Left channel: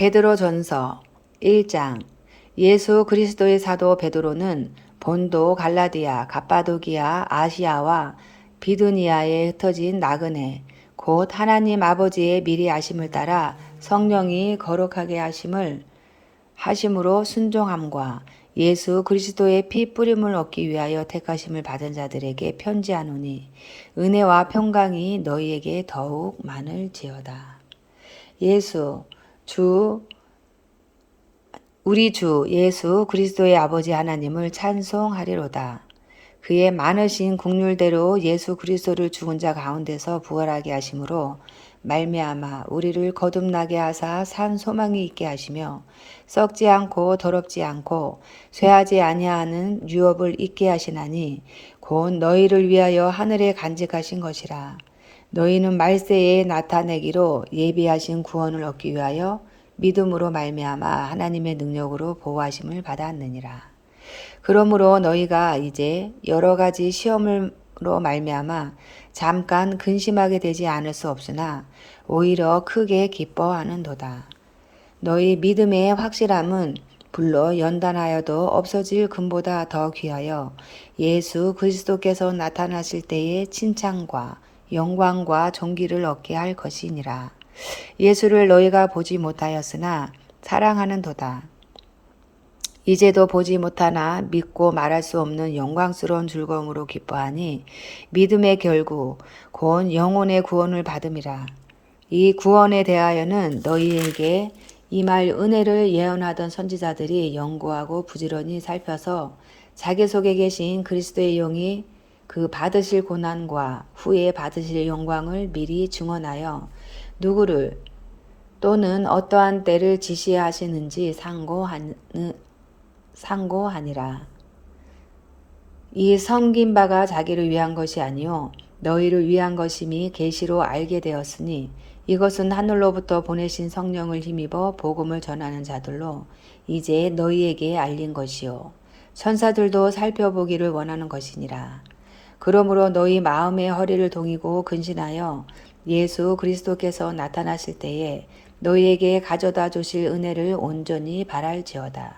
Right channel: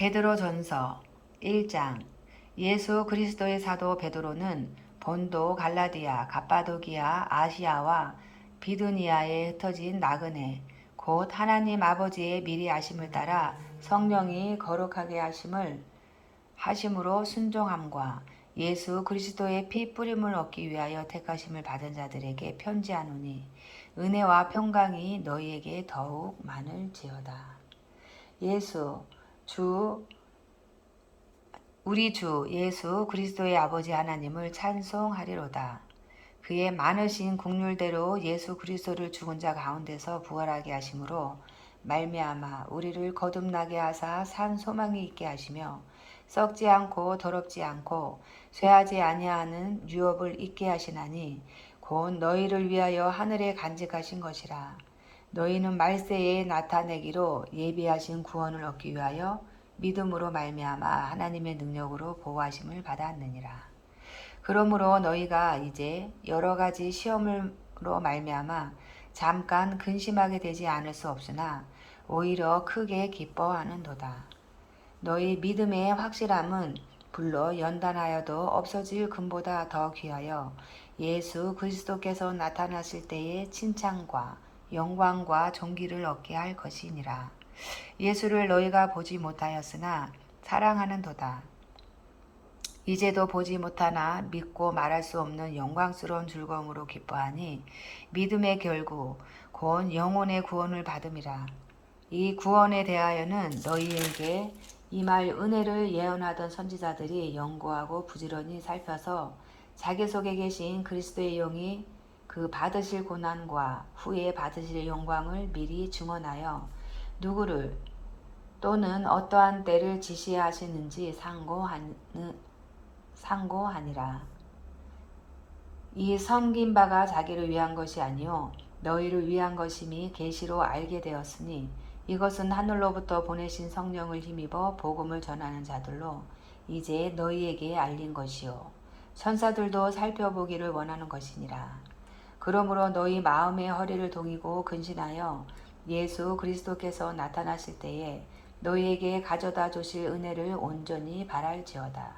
베드로전서 1장. 예수 그리스도의 사도 베드로는 본도, 갈라디아, 갑바도기아, 아시아와 비두니아에 흩어진 나그네 곧 하나님 아버지의 미리 아심을 따라 성령이 거룩하게 하심으로 순종함과 예수 그리스도의 피 뿌림을 얻기 위하여 택하심을 받은 자들에게 편지하노니 은혜와 평강이 너희에게 더욱 많을지어다. 우리 주 예수 그리스도의 아버지 하나님을 찬송하리로다. 그의 많으신 국률대로 예수 그리스도를 죽은 자 가운데서 부활하게 하심으로 말미암아 우리를 거듭나게 하사 산 소망이 있게 하시며 썩지 않고 더럽지 않고 쇠하지 아니하는 유업을 있게 하시나니 곧 너희를 위하여 하늘에 간직하신 것이라. 너희는 말세에 나타내기로 예비하신 구원을 얻기 위하여 믿음으로 말미암아 하나님의 능력으로 보호하심을 받았느니라. 그러므로 너희가 이제 여러 가지 시험으로 말미암아 잠깐 근심하게 되지 않을 수 없으나 오히려 크게 기뻐하는도다. 너희 믿음의 확실함은 불로 연단하여도 없어질 금보다 더 귀하여 예수 그리스도께서 나타나실 때의 칭찬과 영광과 존귀를 얻게 할 것이니라. 예수를 너희가 보지 못하였으나 사랑하는도다. 이제도 보지 못하나 믿고 말할 수 없는 영광스러운 즐거움으로 기뻐하니 믿음의 결국 곧 영혼의 구원을 받음이라. 이 구원에 대하여는 너희에게 임할 은혜를 예언하던 선지자들이 연구하고 부지런히 살펴서 자기 속에 계신 그리스도의 영이 그 받으실 고난과 후에 받으실 영광을 미리 증언하여 누구를 또는 어떠한 때를 지시하시는지 상고하니라. 이 섬긴 바가 자기를 위한 것이 아니요 너희를 위한 것임이 계시로 알게 되었으니 이것은 하늘로부터 보내신 성령을 힘입어 복음을 전하는 자들로 이제 너희에게 알린 것이요 천사들도 살펴보기를 원하는 것이니라. 그러므로 너희 마음의 허리를 동이고 근신하여 예수 그리스도께서 나타나실 때에 너희에게 가져다 주실 은혜를 온전히 바랄지어다.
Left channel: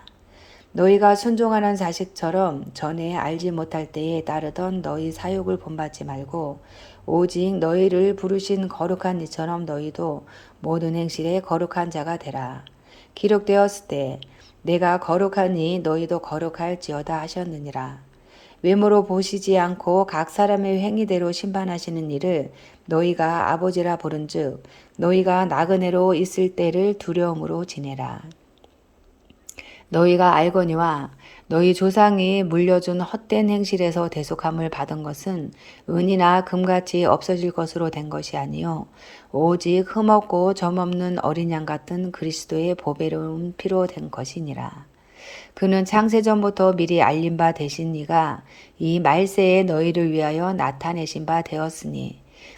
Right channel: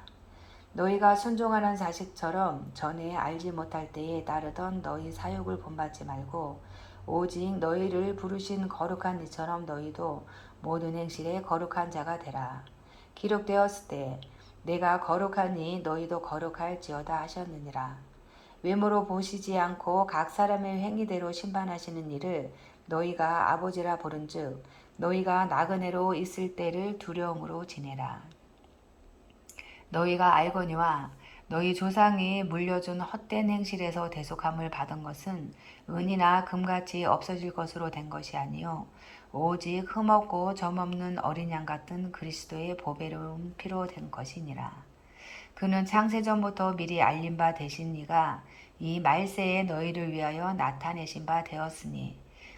너희가 순종하는 자식처럼 전에 알지 못할 때에 따르던 너희 사욕을 본받지 말고 오직 너희를 부르신 거룩한 이처럼 너희도 모든 행실에 거룩한 자가 되라. 기록되었을 때 내가 거룩하니 너희도 거룩할지어다 하셨느니라. 외모로 보시지 않고 각 사람의 행위대로 심판하시는 이를 너희가 아버지라 부른즉 너희가 나그네로 있을 때를 두려움으로 지내라. 너희가 알거니와 너희 조상이 물려준 헛된 행실에서 대속함을 받은 것은 은이나 금같이 없어질 것으로 된 것이 아니요 오직 흠없고 점없는 어린 양 같은 그리스도의 보배로운 피로 된 것이니라. 그는 창세전부터 미리 알린 바 되신 이가 이 말세에 너희를 위하여 나타내신 바 되었으니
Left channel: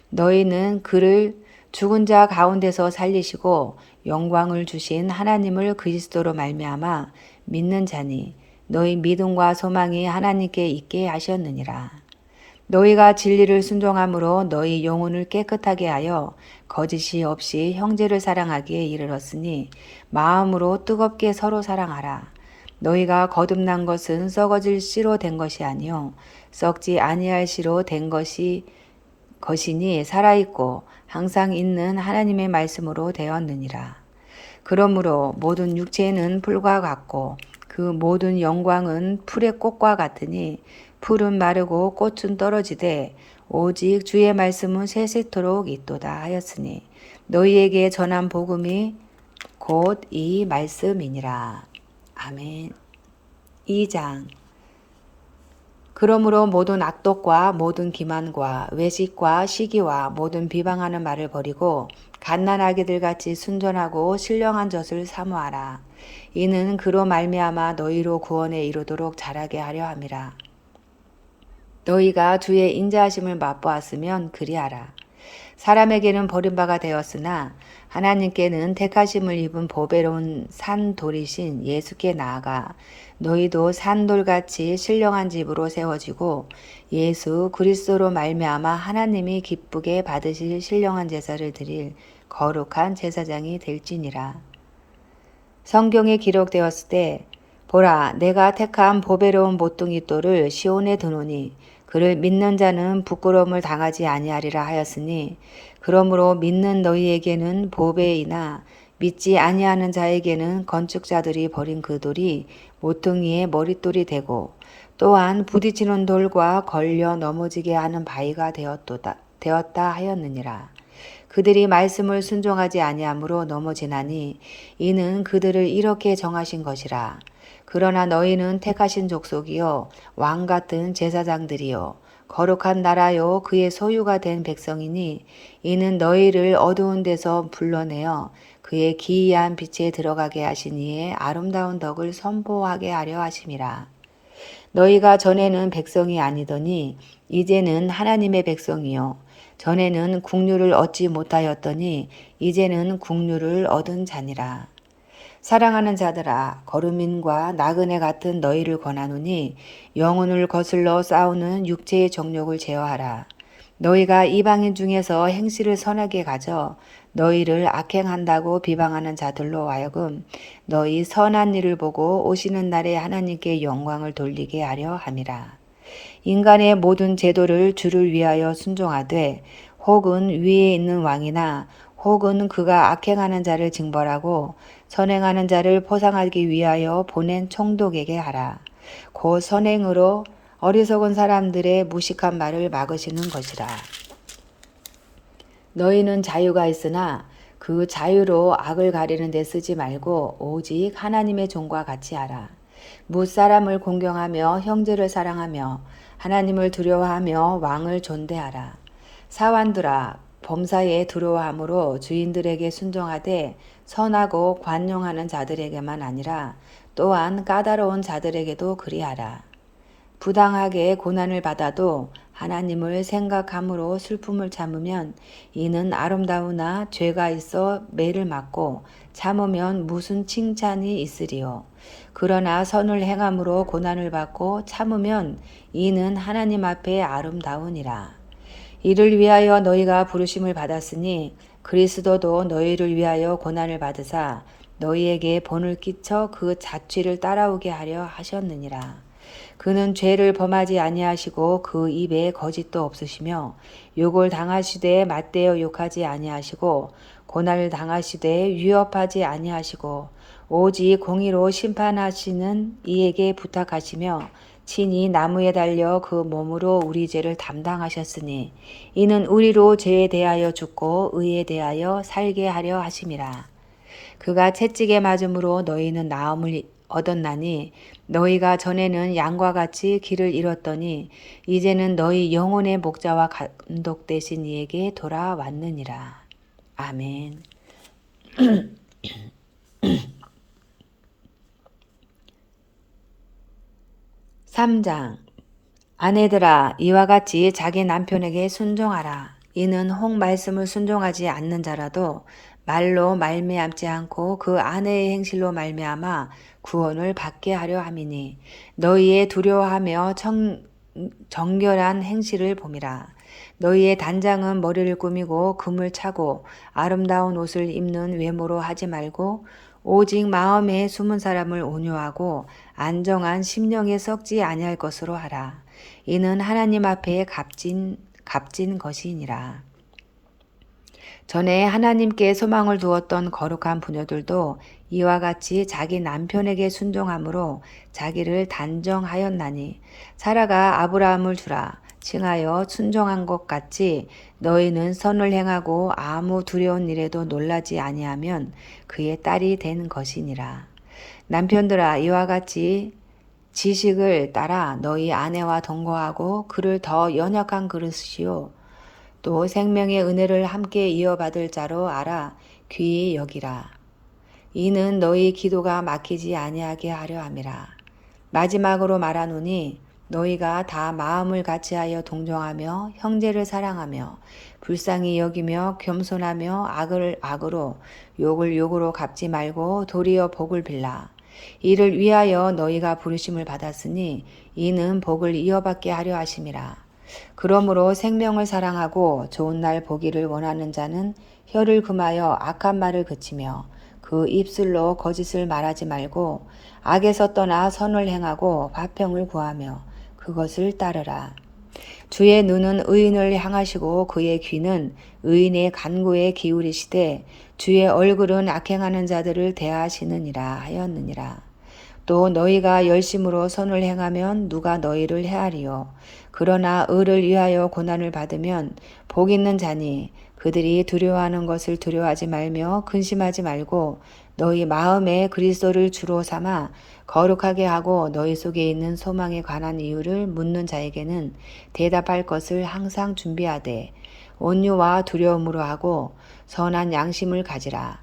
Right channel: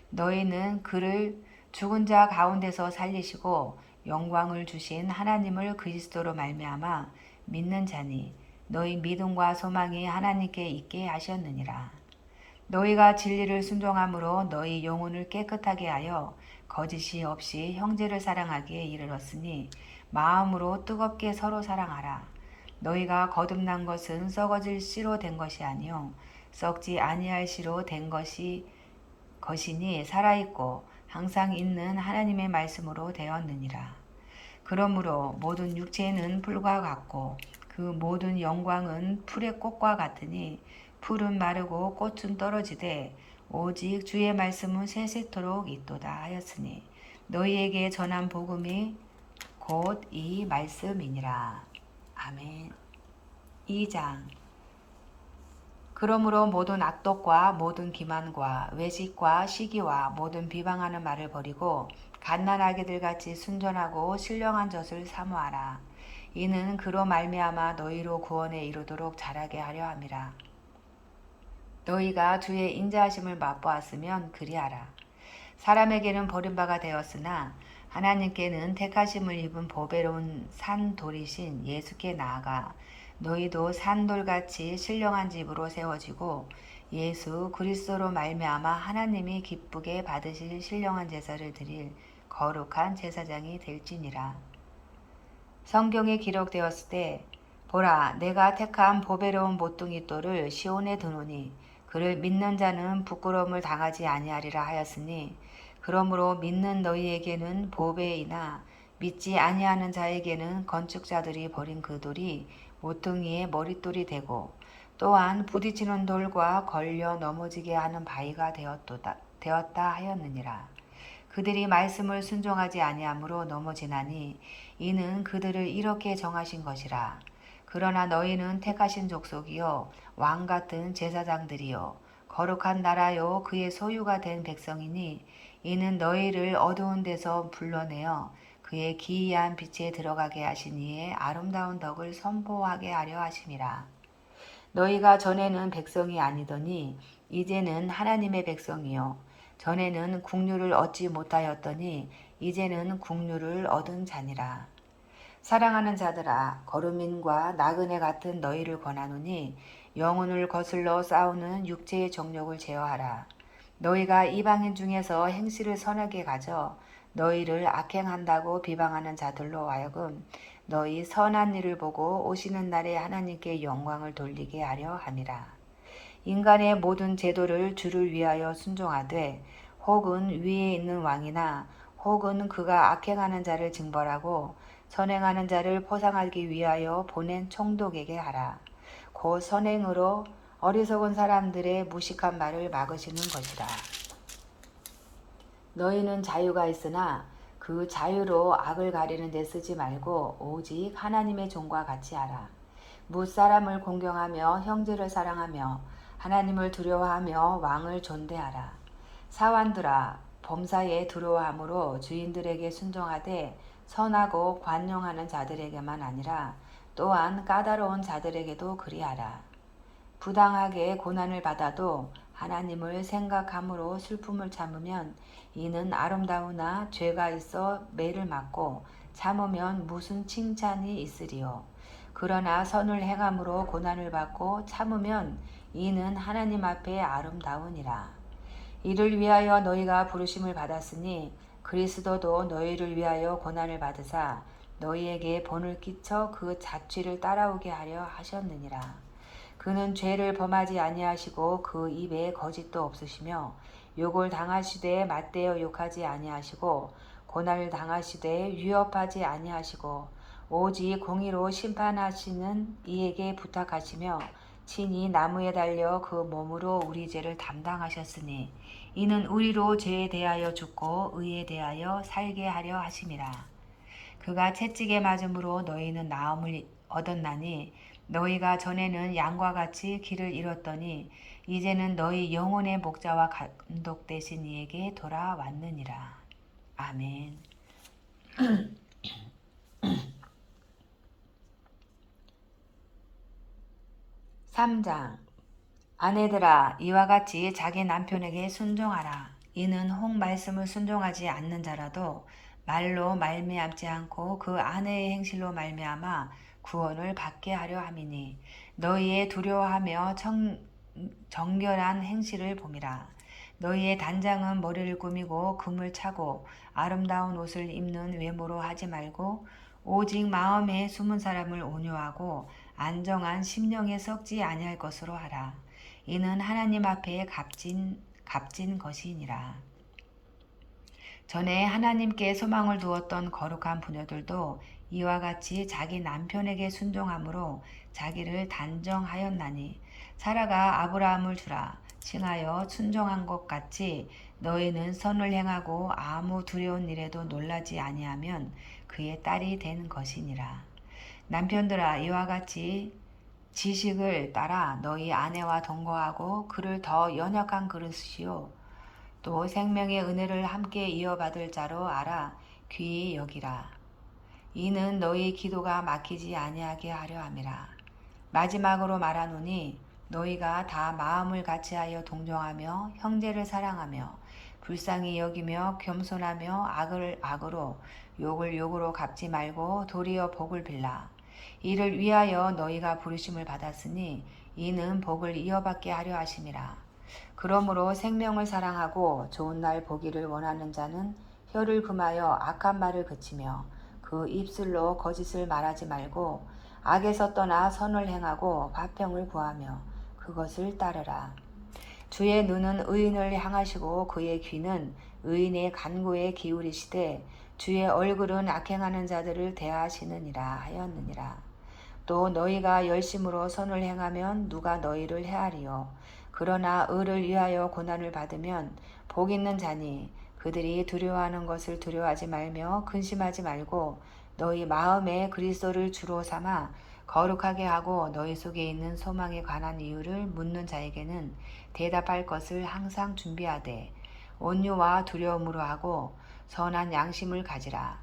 너희는 그를 죽은 자 가운데서 살리시고 영광을 주신 하나님을 그리스도로 말미암아 믿는 자니 너희 믿음과 소망이 하나님께 있게 하셨느니라. 너희가 진리를 순종함으로 너희 영혼을 깨끗하게 하여 거짓이 없이 형제를 사랑하기에 이르렀으니 마음으로 뜨겁게 서로 사랑하라. 너희가 거듭난 것은 썩어질 씨로 된 것이 아니요 썩지 아니할 씨로 된 것이니 살아있고 항상 있는 하나님의 말씀으로 되었느니라. 그러므로 모든 육체는 풀과 같고 그 모든 영광은 풀의 꽃과 같으니 풀은 마르고 꽃은 떨어지되 오직 주의 말씀은 세세토록 있도다 하였으니 너희에게 전한 복음이 곧 이 말씀이니라. 아멘. 2장. 그러므로 모든 악독과 모든 기만과 외식과 시기와 모든 비방하는 말을 버리고 갓난아기들 같이 순전하고 신령한 젖을 사모하라. 이는 그로 말미암아 너희로 구원에 이르도록 자라게 하려 함이라. 너희가 주의 인자하심을 맛보았으면 그리하라. 사람에게는 버림바가 되었으나 하나님께는 택하심을 입은 보배로운 산돌이신 예수께 나아가 너희도 산돌같이 신령한 집으로 세워지고 예수 그리스도로 말미암아 하나님이 기쁘게 받으실 신령한 제사를 드릴 거룩한 제사장이 될지니라. 성경에 기록되었을 때 보라 내가 택한 보배로운 모퉁이 돌을 시온에 두노니 그를 믿는 자는 부끄러움을 당하지 아니하리라 하였으니 그러므로 믿는 너희에게는 보배이나 믿지 아니하는 자에게는 건축자들이 버린 그 돌이 모퉁이의 머릿돌이 되고 또한 부딪히는 돌과 걸려 넘어지게 하는 바위가 되었다 하였느니라. 그들이 말씀을 순종하지 아니하므로 넘어지나니 이는 그들을 이렇게 정하신 것이라. 그러나 너희는 택하신 족속이요 왕 같은 제사장들이요 거룩한 나라요 그의 소유가 된 백성이니 이는 너희를 어두운 데서 불러내어 그의 기이한 빛에 들어가게 하신 이의 아름다운 덕을 선포하게 하려 하심이라. 너희가 전에는 백성이 아니더니 이제는 하나님의 백성이요 전에는 국류를 얻지 못하였더니 이제는 국류를 얻은 자니라. 사랑하는 자들아 거루민과 나그네 같은 너희를 권하노니 영혼을 거슬러 싸우는 육체의 정욕을 제어하라. 너희가 이방인 중에서 행실을 선하게 가져 너희를 악행한다고 비방하는 자들로 하여금 너희 선한 일을 보고 오시는 날에 하나님께 영광을 돌리게 하려 함이라. 인간의 모든 제도를 주를 위하여 순종하되 혹은 위에 있는 왕이나 혹은 그가 악행하는 자를 징벌하고 선행하는 자를 포상하기 위하여 보낸 총독에게 하라. 곧 선행으로 어리석은 사람들의 무식한 말을 막으시는 것이라. 너희는 자유가 있으나 그 자유로 악을 가리는 데 쓰지 말고 오직 하나님의 종과 같이 하라. 무사람을 공경하며 형제를 사랑하며 하나님을 두려워하며 왕을 존대하라. 사환들아 범사에 두려워함으로 주인들에게 순종하되 선하고 관용하는 자들에게만 아니라 또한 까다로운 자들에게도 그리하라. 부당하게 고난을 받아도 하나님을 생각함으로 슬픔을 참으면 이는 아름다우나 죄가 있어 매를 맞고 참으면 무슨 칭찬이 있으리요. 그러나 선을 행함으로 고난을 받고 참으면 이는 하나님 앞에 아름다우니라. 이를 위하여 너희가 부르심을 받았으니 그리스도도 너희를 위하여 고난을 받으사 너희에게 본을 끼쳐 그 자취를 따라오게 하려 하셨느니라. 그는 죄를 범하지 아니하시고 그 입에 거짓도 없으시며 욕을 당하시되 맞대어 욕하지 아니하시고 고난을 당하시되 위협하지 아니하시고 오직 공의로 심판하시는 이에게 부탁하시며 친히 나무에 달려 그 몸으로 우리 죄를 담당하셨으니 이는 우리로 죄에 대하여 죽고 의에 대하여 살게 하려 하심이라. 그가 채찍에 맞음으로 너희는 나음을 얻었나니 너희가 전에는 양과 같이 길을 잃었더니 이제는 너희 영혼의 목자와 감독 되신 이에게 돌아왔느니라. 아멘. 3장 아내들아 이와 같이 자기 남편에게 순종하라. 이는 혹 말씀을 순종하지 않는 자라도 말로 말미암지 않고 그 아내의 행실로 말미암아 구원을 받게 하려 함이니 너희의 두려워하며 정결한 행실을 봄이라. 너희의 단장은 머리를 꾸미고 금을 차고 아름다운 옷을 입는 외모로 하지 말고 오직 마음에 숨은 사람을 온유하고 안정한 심령에 썩지 아니할 것으로 하라. 이는 하나님 앞에 값진 것이니라. 전에 하나님께 소망을 두었던 거룩한 부녀들도 이와 같이 자기 남편에게 순종함으로 자기를 단정하였나니 사라가 아브라함을 주라 칭하여 순종한 것 같이 너희는 선을 행하고 아무 두려운 일에도 놀라지 아니하면 그의 딸이 된 것이니라. 남편들아 이와 같이 지식을 따라 너희 아내와 동거하고 그를 더 연약한 그릇이요 또 생명의 은혜를 함께 이어받을 자로 알아 귀히 여기라. 이는 너희 기도가 막히지 아니하게 하려 함이라. 마지막으로 말하노니 너희가 다 마음을 같이하여 동정하며 형제를 사랑하며 불쌍히 여기며 겸손하며 악을 악으로 욕을 욕으로 갚지 말고 도리어 복을 빌라. 이를 위하여 너희가 부르심을 받았으니 이는 복을 이어받게 하려 하심이라. 그러므로 생명을 사랑하고 좋은 날 보기를 원하는 자는 혀를 금하여 악한 말을 그치며 그 그 입술로 거짓을 말하지 말고 악에서 떠나 선을 행하고 화평을 구하며 그것을 따르라. 주의 눈은 의인을 향하시고 그의 귀는 의인의 간구에 기울이시되 주의 얼굴은 악행하는 자들을 대하시느니라 하였느니라. 또 너희가 열심으로 선을 행하면 누가 너희를 해하리요. 그러나 의를 위하여 고난을 받으면 복 있는 자니 그들이 두려워하는 것을 두려워하지 말며 근심하지 말고 너희 마음에 그리스도를 주로 삼아 거룩하게 하고 너희 속에 있는 소망에 관한 이유를 묻는 자에게는 대답할 것을 항상 준비하되 온유와 두려움으로 하고 선한 양심을 가지라.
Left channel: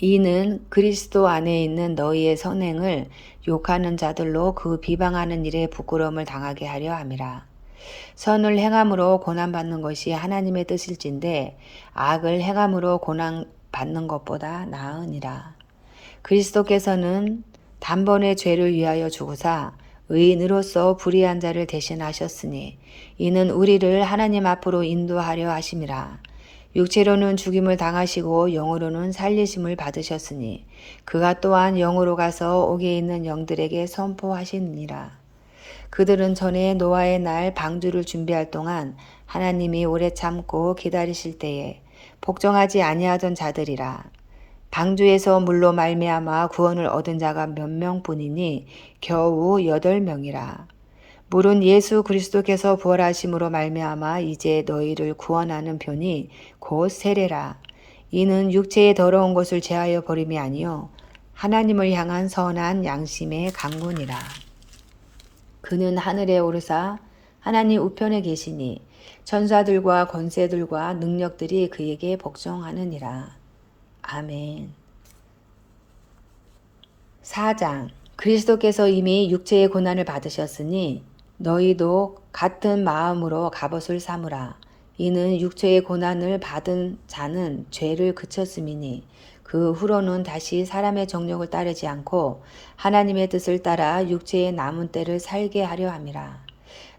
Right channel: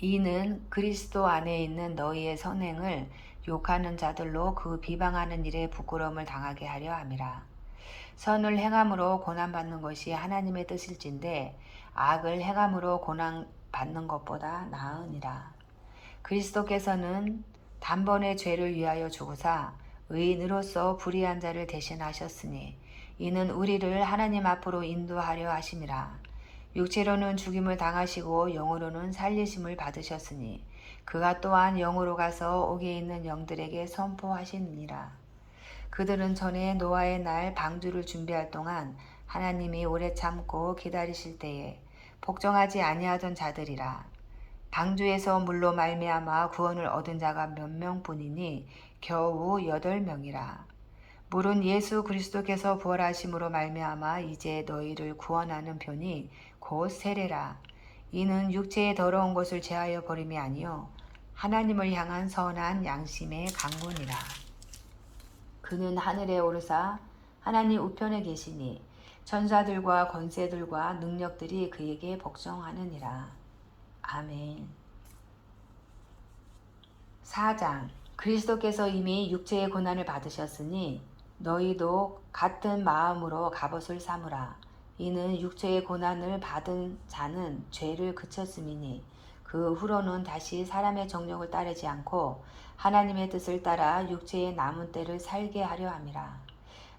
이는 그리스도 안에 있는 너희의 선행을 욕하는 자들로 그 비방하는 일에 부끄러움을 당하게 하려 함이라. 선을 행함으로 고난받는 것이 하나님의 뜻일진데 악을 행함으로 고난받는 것보다 나으니라. 그리스도께서는 단번에 죄를 위하여 죽으사 의인으로서 불의한 자를 대신하셨으니 이는 우리를 하나님 앞으로 인도하려 하심이라. 육체로는 죽임을 당하시고 영으로는 살리심을 받으셨으니 그가 또한 영으로 가서 옥에 있는 영들에게 선포하시니라. 그들은 전에 노아의 날 방주를 준비할 동안 하나님이 오래 참고 기다리실 때에 복종하지 아니하던 자들이라. 방주에서 물로 말미암아 구원을 얻은 자가 몇 명뿐이니 겨우 8명이라. 물은 예수 그리스도께서 부활하심으로 말미암아 이제 너희를 구원하는 편이 곧 세례라. 이는 육체의 더러운 것을 제하여 버림이 아니요 하나님을 향한 선한 양심의 강군이라. 그는 하늘에 오르사 하나님 우편에 계시니 천사들과 권세들과 능력들이 그에게 복종하느니라. 아멘. 4장. 그리스도께서 이미 육체의 고난을 받으셨으니 너희도 같은 마음으로 갑옷을 삼으라. 이는 육체의 고난을 받은 자는 죄를 그쳤음이니 그 후로는 다시 사람의 정욕을 따르지 않고 하나님의 뜻을 따라 육체의 남은 때를 살게 하려 함이라.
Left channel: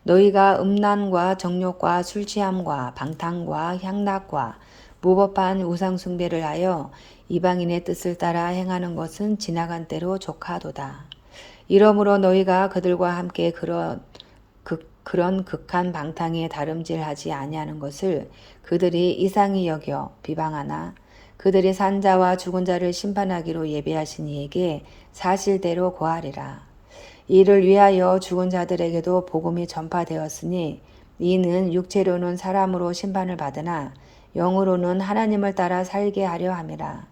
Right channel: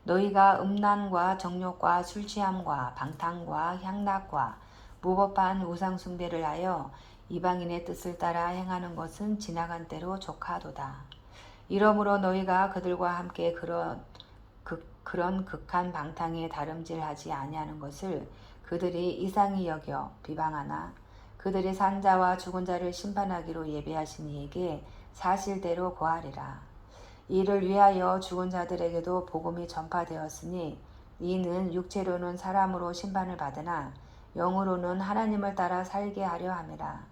너희가 음란과 정욕과 술취함과 방탕과 향락과 무법한 우상숭배를 하여 이방인의 뜻을 따라 행하는 것은 지나간 때로 족하도다. 이러므로 너희가 그들과 함께 그런 극한 방탕에 다름질하지 아니하는 것을 그들이 이상히 여겨 비방하나 그들이 산 자와 죽은 자를 심판하기로 예비하신 이에게 사실대로 고하리라. 이를 위하여 죽은 자들에게도 복음이 전파되었으니 이는 육체로는 사람으로 심판을 받으나 영으로는 하나님을 따라 살게 하려 함이라.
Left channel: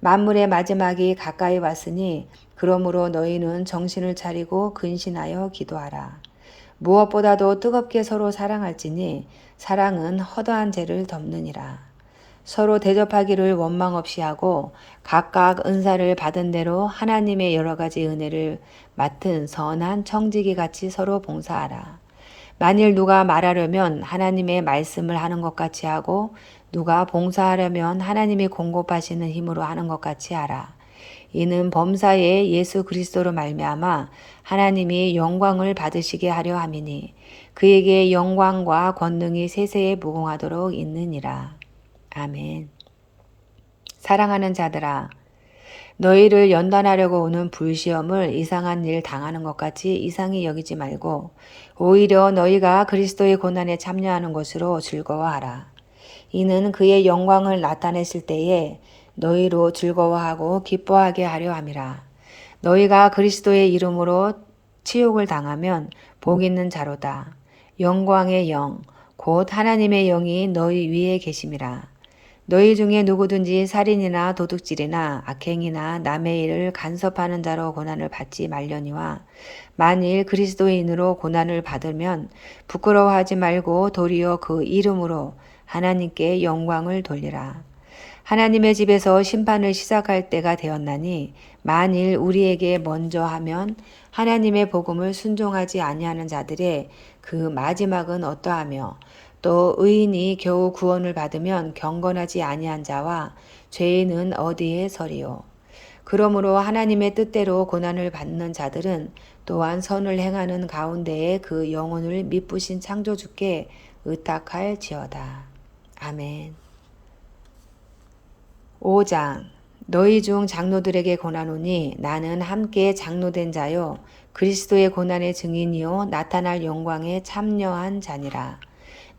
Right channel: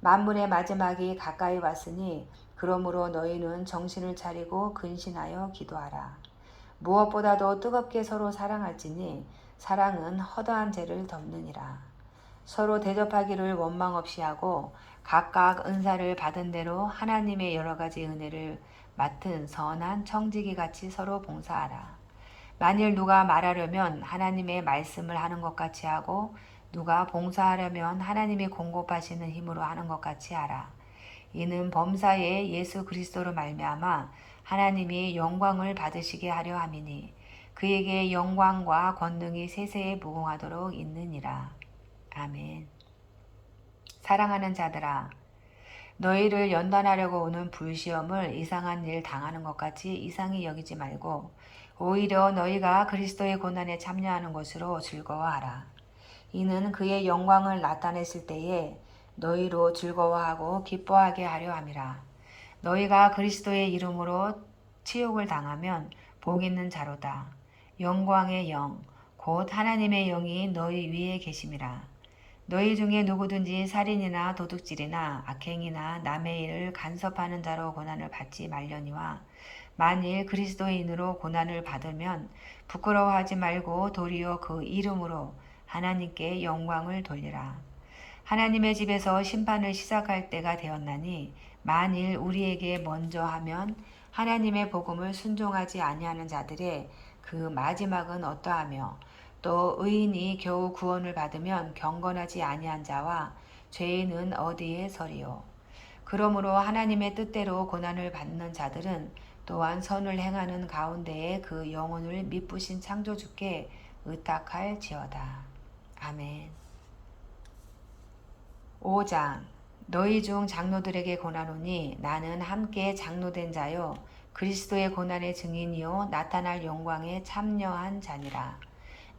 만물의 마지막이 가까이 왔으니 그러므로 너희는 정신을 차리고 근신하여 기도하라. 무엇보다도 뜨겁게 서로 사랑할지니 사랑은 허다한 죄를 덮느니라. 서로 대접하기를 원망 없이 하고 각각 은사를 받은 대로 하나님의 여러 가지 은혜를 맡은 선한 청지기 같이 서로 봉사하라. 만일 누가 말하려면 하나님의 말씀을 하는 것 같이 하고 누가 봉사하려면 하나님이 공급하시는 힘으로 하는 것 같이 하라. 이는 범사에 예수 그리스도로 말미암아 하나님이 영광을 받으시게 하려 함이니 그에게 영광과 권능이 세세에 무궁하도록 있느니라. 아멘. 사랑하는 자들아, 너희를 연단하려고 오는 불시험을 이상한 일 당하는 것 같이 이상히 여기지 말고 오히려 너희가 그리스도의 고난에 참여하는 것으로 즐거워하라. 이는 그의 영광을 나타냈을 때에 너희로 즐거워하고 기뻐하게 하려 함이라. 너희가 그리스도의 이름으로 치욕을 당하면 복 있는 자로다. 영광의 영, 곧 하나님의 영이 너희 위에 계심이라. 너희 중에 누구든지 살인이나 도둑질이나 악행이나 남의 일을 간섭하는 자로 고난을 받지 말려니와 만일 그리스도인으로 고난을 받으면 부끄러워하지 말고 도리어 그 이름으로 하나님께 영광을 돌리라. 하나님의 집에서 심판을 시작할 때가 되었나니 만일 우리에게 먼저 하면 하나님의 복음을 순종하지 아니하는 자들의 그 마지막은 어떠하며 또 의인이 겨우 구원을 받으면 경건하지 아니한 자와 죄인은 어디에 서리요. 그러므로 하나님의 뜻대로 고난을 받는 자들은 또한 선을 행하는 가운데에 그 영혼을 미쁘신 창조주께 의탁할지어다. 아멘. 5장. 너희 중 장로들에게 권하노니 나는 함께 장로된 자요 그리스도의 고난의 증인이요 나타날 영광에 참여한 자니라.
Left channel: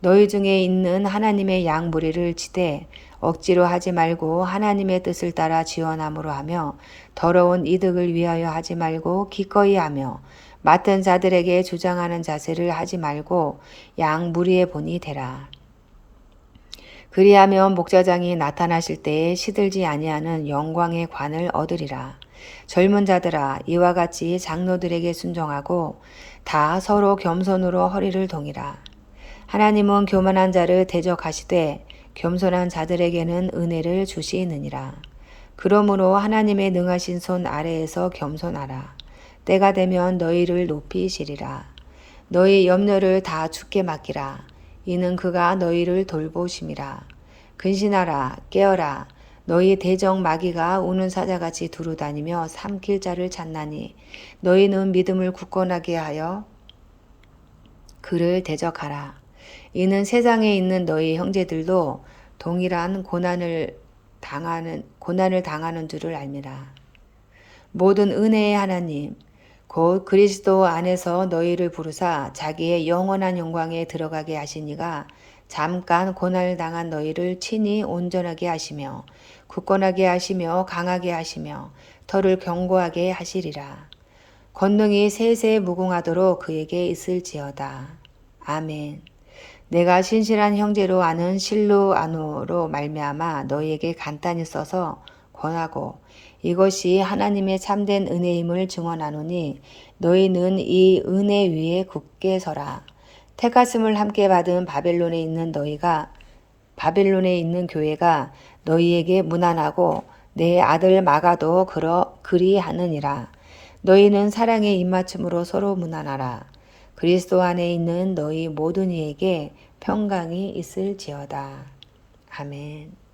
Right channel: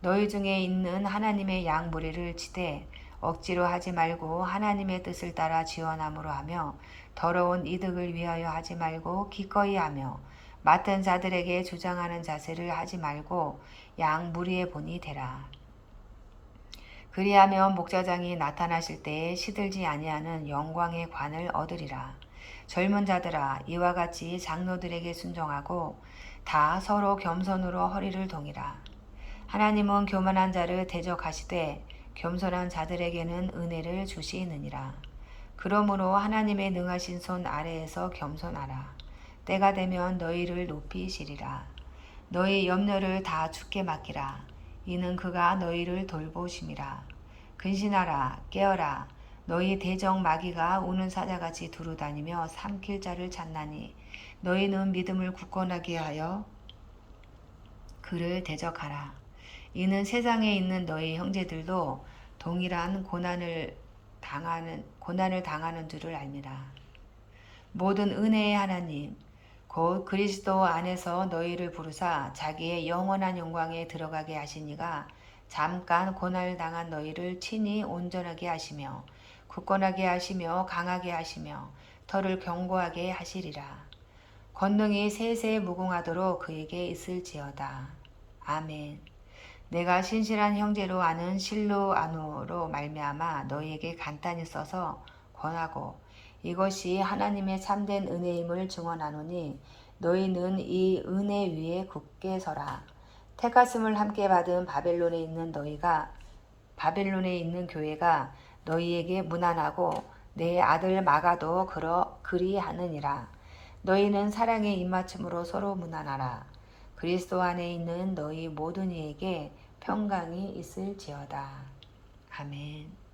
너희 중에 있는 하나님의 양무리를 치되 억지로 하지 말고 하나님의 뜻을 따라 지원함으로 하며 더러운 이득을 위하여 하지 말고 기꺼이 하며 맡은 자들에게 주장하는 자세를 하지 말고 양무리의 본이 되라. 그리하면 목자장이 나타나실 때에 시들지 아니하는 영광의 관을 얻으리라. 젊은 자들아 이와 같이 장로들에게 순종하고 다 서로 겸손으로 허리를 동이라. 하나님은 교만한 자를 대적하시되 겸손한 자들에게는 은혜를 주시느니라. 그러므로 하나님의 능하신 손 아래에서 겸손하라. 때가 되면 너희를 높이시리라. 너희 염려를 다 주께 맡기라. 이는 그가 너희를 돌보심이라. 근신하라 깨어라. 너희 대적 마귀가 우는 사자같이 두루다니며 삼킬 자를 찾나니 너희는 믿음을 굳건하게 하여 그를 대적하라. 이는 세상에 있는 너희 형제들도 동일한 고난을 당하는 줄을 알미라. 모든 은혜의 하나님 곧 그리스도 안에서 너희를 부르사 자기의 영원한 영광에 들어가게 하시니가 잠깐 고난을 당한 너희를 친히 온전하게 하시며 굳건하게 하시며 강하게 하시며 터를 견고하게 하시리라. 권능이 세세 무궁하도록 그에게 있을지어다. 아멘. 내가 신실한 형제로 아는 실루아노로 말미암아 너희에게 간단히 써서 권하고 이것이 하나님의 참된 은혜임을 증언하노니 너희는 이 은혜 위에 굳게 서라. 택하심을 함께 받은 바벨론에 있는 교회가 너희에게 무난하고 내 아들 마가도 그리하느니라. 너희는 사랑의 입맞춤으로 서로 무난하라. 그리스도 안에 있는 너희 모든 이에게 평강이 있을지어다. 아멘.